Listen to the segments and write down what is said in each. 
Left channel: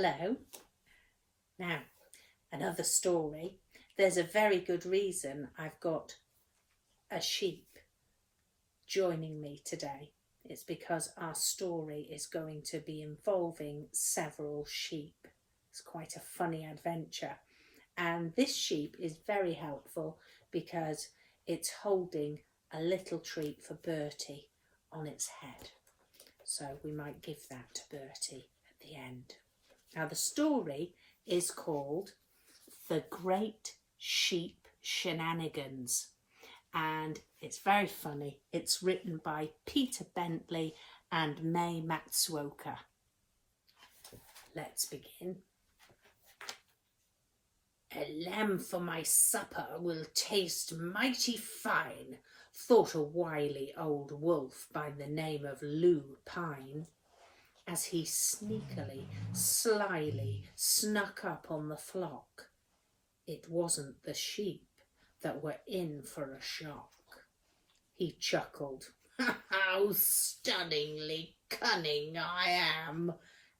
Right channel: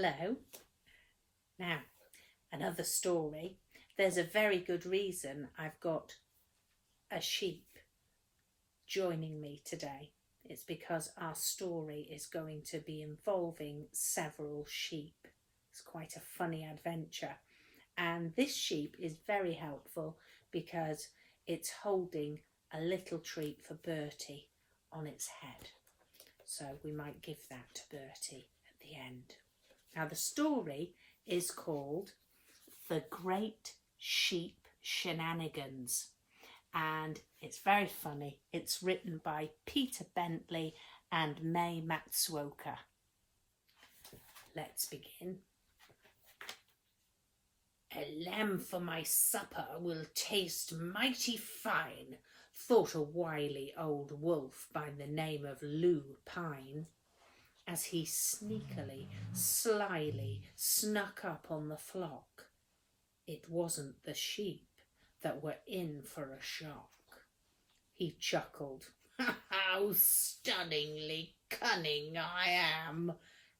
Hello. Now, another story. There's a very good reason I've got a sheep joining me today. It's because our story is going to be involving several sheep. It's quite a funny adventure. And this sheep is very helpful because it's holding a little treat for Bertie on its head. So we might give that to Bertie at the end. Now the story is called The Great Sheep Shenanigans, and it's very funny. It's written by Peter Bentley and Mei Matsuoka. Let's begin. A lamb for my supper will taste mighty fine, thought a wily old wolf by the name of Lou Pine, as he sneakily, slyly snuck up on the flock. It wasn't the sheep that were in for a shock. He chuckled, "How stunningly cunning I am,"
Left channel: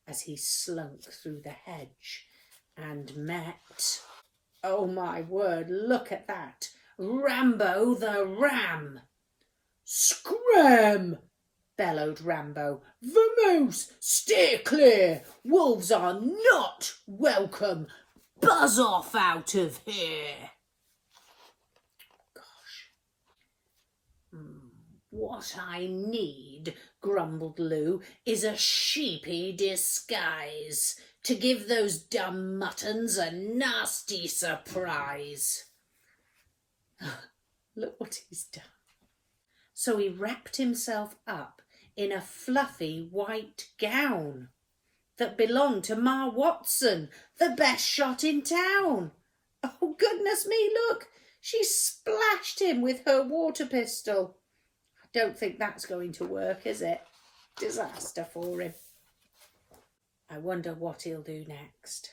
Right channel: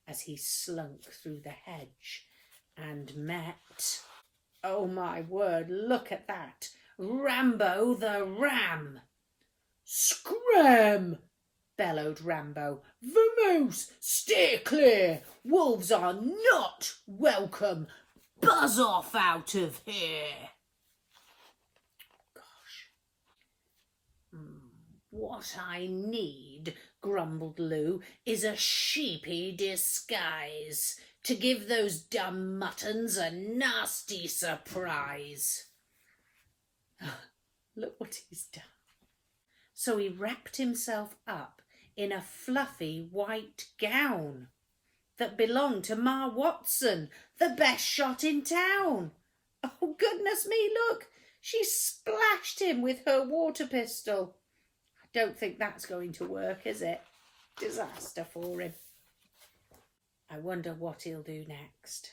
as he slunk through the hedge and met, oh my word, look at that, Rambo the Ram. "Scram!" bellowed Rambo. "Vamoose, steer clear! Wolves are not welcome! Buzz off out of here!" Gosh. "What I need," grumbled Lou, "is a sheepy disguise to give those dumb muttons a nasty surprise." Look what he's done. So he wrapped himself up in a fluffy white gown that belonged to Ma Watson, the best shot in town. Oh, goodness me, look, she splashed him with her water pistol. I don't think that's going to work, is it? Disaster for him. I wonder what he'll do next.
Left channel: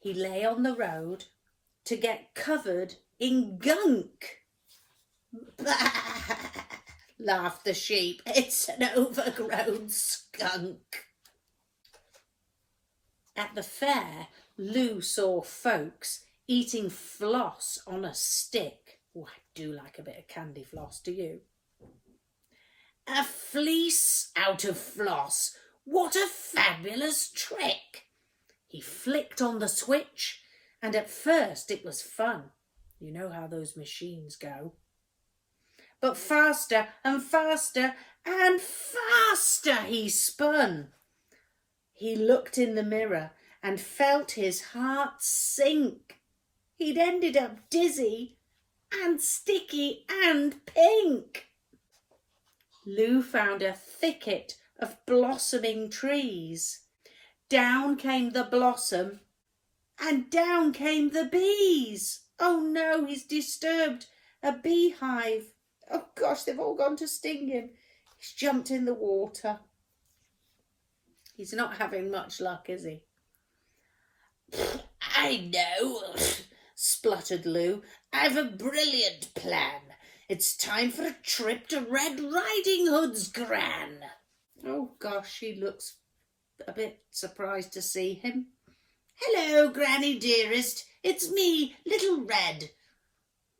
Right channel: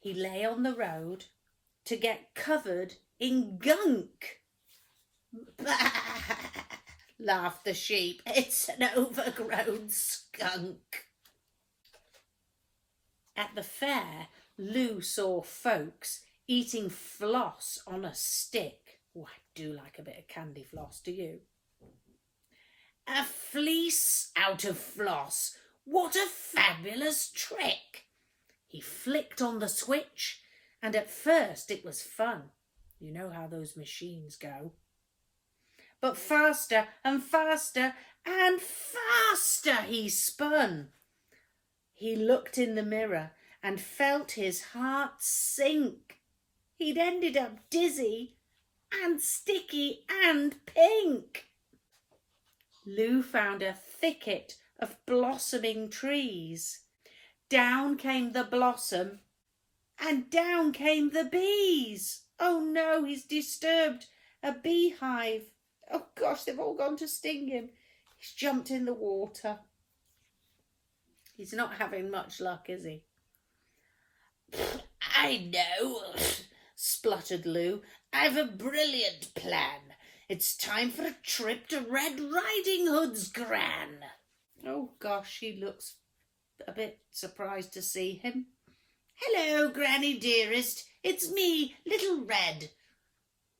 He lay on the road to get covered in gunk. "Bah!" laughed the sheep. "It's an overgrown skunk." At the fair, Lou saw folks eating floss on a stick. Oh, I do like a bit of candy floss, do you? "A fleece out of floss, what a fabulous trick!" He flicked on the switch, and at first it was fun. You know how those machines go. But faster and faster and faster he spun. He looked in the mirror and felt his heart sink. He'd ended up dizzy and sticky and pink. Lou found a thicket of blossoming trees. Down came the blossom and down came the bees. Oh no, he's disturbed a beehive. Oh gosh, they've all gone to sting him. He's jumped in the water. He's not having much luck, is he? "I know," spluttered Lou. "I've a brilliant plan. It's time for a trip to Red Riding Hood's gran." Oh gosh, she looks a bit surprised to see him. "Hello, Granny dearest. It's me, Little Red."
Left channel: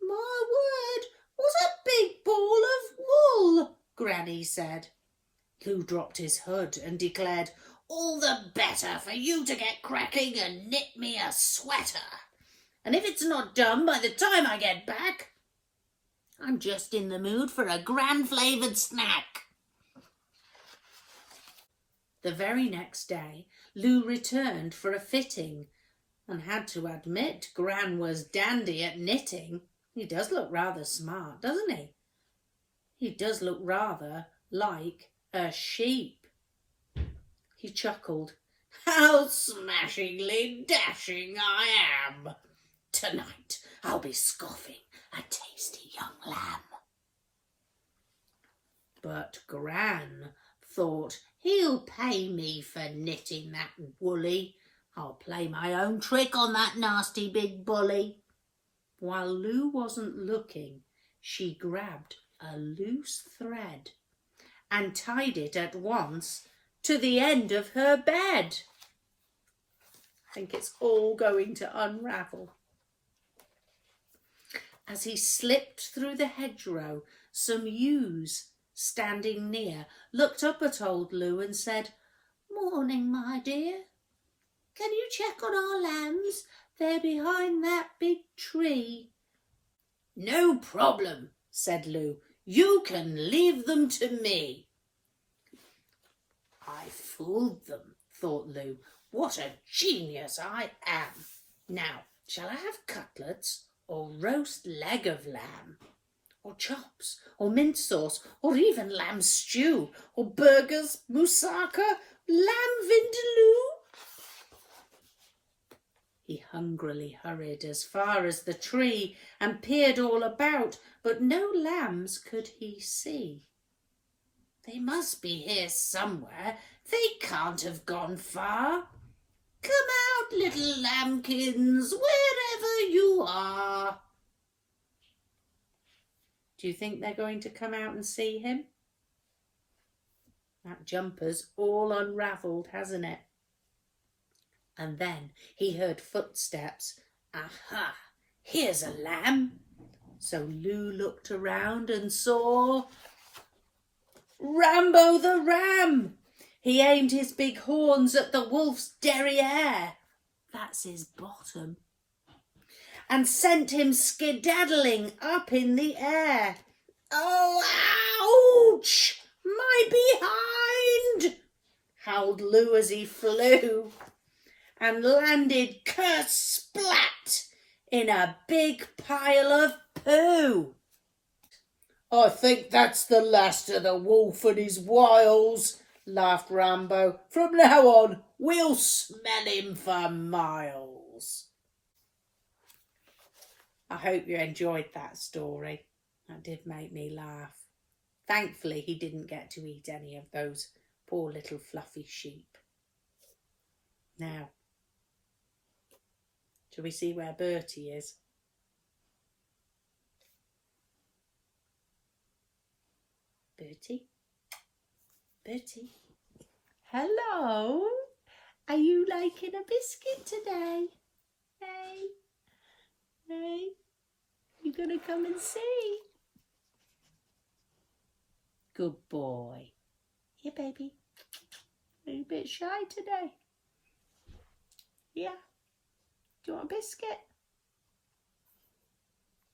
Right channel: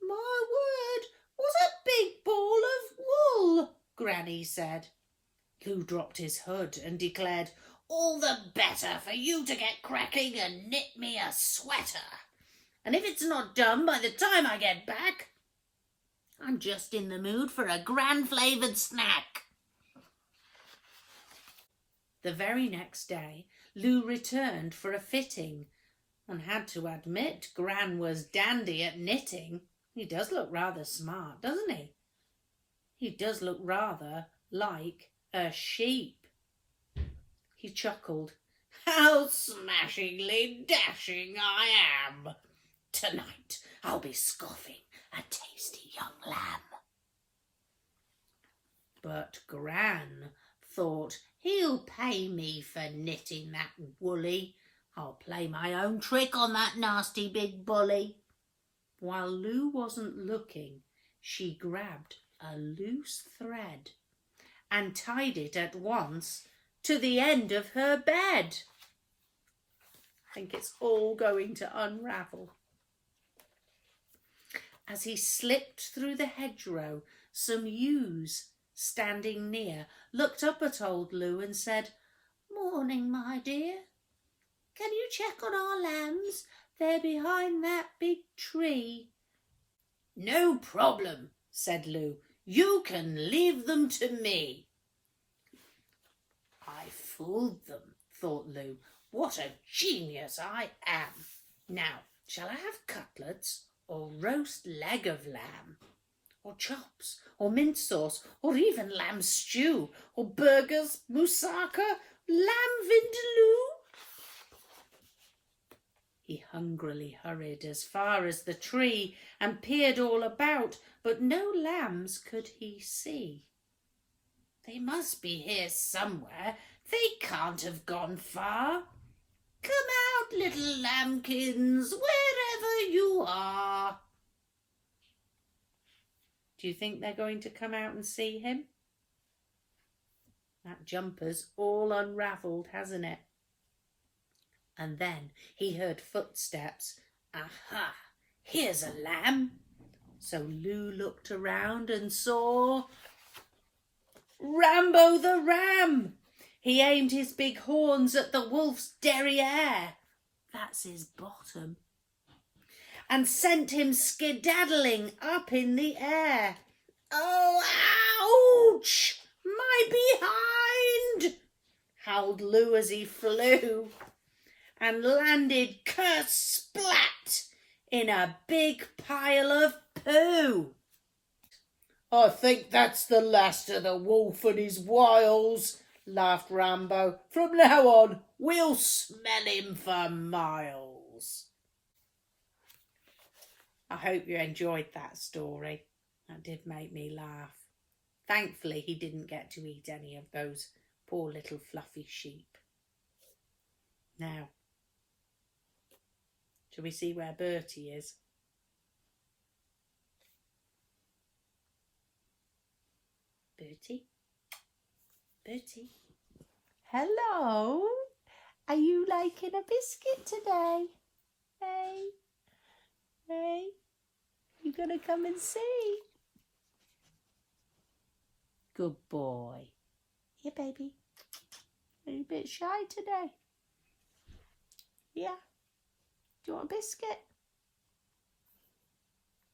"My word, what a big ball of wool," Granny said. Lou dropped his hood and declared, "All the better for you to get cracking and knit me a sweater. And if it's not done by the time I get back, I'm just in the mood for a gran-flavoured snack." The very next day, Lou returned for a fitting and had to admit Gran was dandy at knitting. He does look rather smart, doesn't he? He does look rather like a sheep. He chuckled. "How smashingly dashing I am! Tonight I'll be scoffing a tasty young lamb." But Gran thought, "He'll pay me for knitting that woolly. I'll play my own trick on that nasty big bully." While Lou wasn't looking, she grabbed a loose thread and tied it at once to the end of her bed. I think it's all going to unravel. As he slipped through the hedgerow, some ewes standing near looked up at old Lou and said, "Morning, my dear. Can you check on our lambs? They're behind that big tree." "No problem," said Lou. "You can leave them to me." "I fooled them," thought Lou. "What a genius I am. Now, shall I have cutlets or roast leg of lamb, or chops, or mint sauce, or even lamb stew, or burgers, moussaka, lamb vindaloo?" He hungrily hurried as far as the tree and peered all about, but no lambs could he see. "They must be here somewhere. They can't have gone far. Come out, little lambkins, wherever you are." Do you think they're going to come out and see him? That jumper's all unravelled, hasn't it? And then he heard footsteps. Aha! Here's a lamb. So Lou looked around and saw Rambo the ram. He aimed his big horns at the wolf's derriere, that's his bottom, and sent him skedaddling up in the air. "Oh, ouch! My behind!" howled Lou as he flew, and landed kersplat in a big pile of poo. "I think that's the last of the wolf and his wiles," laughed Rambo. "From now on, we'll smell him for miles." I hope you enjoyed that story. That did make me laugh. Thankfully, he didn't get to eat any of those poor little fluffy sheep. Now, shall we see where Bertie is? Bertie? Bertie? Hello? Are you liking a biscuit today? Hey? Hey? You gonna come and see? Good boy. Here, baby. Are you a bit shy today? Yeah? Do you want a biscuit?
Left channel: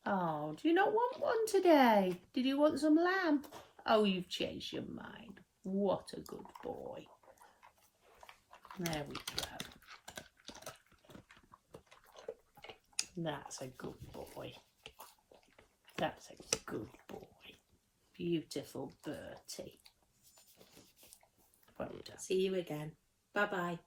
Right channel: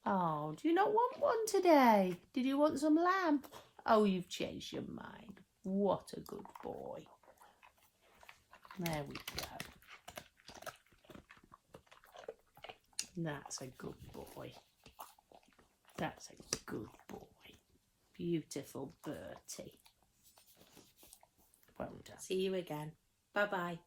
Oh, do you not want one today? Did you want some lamb? Oh, you've changed your mind. What a good boy. There we go. That's a good boy. That's a good boy. Beautiful Bertie. Well done. See you again. Bye-bye.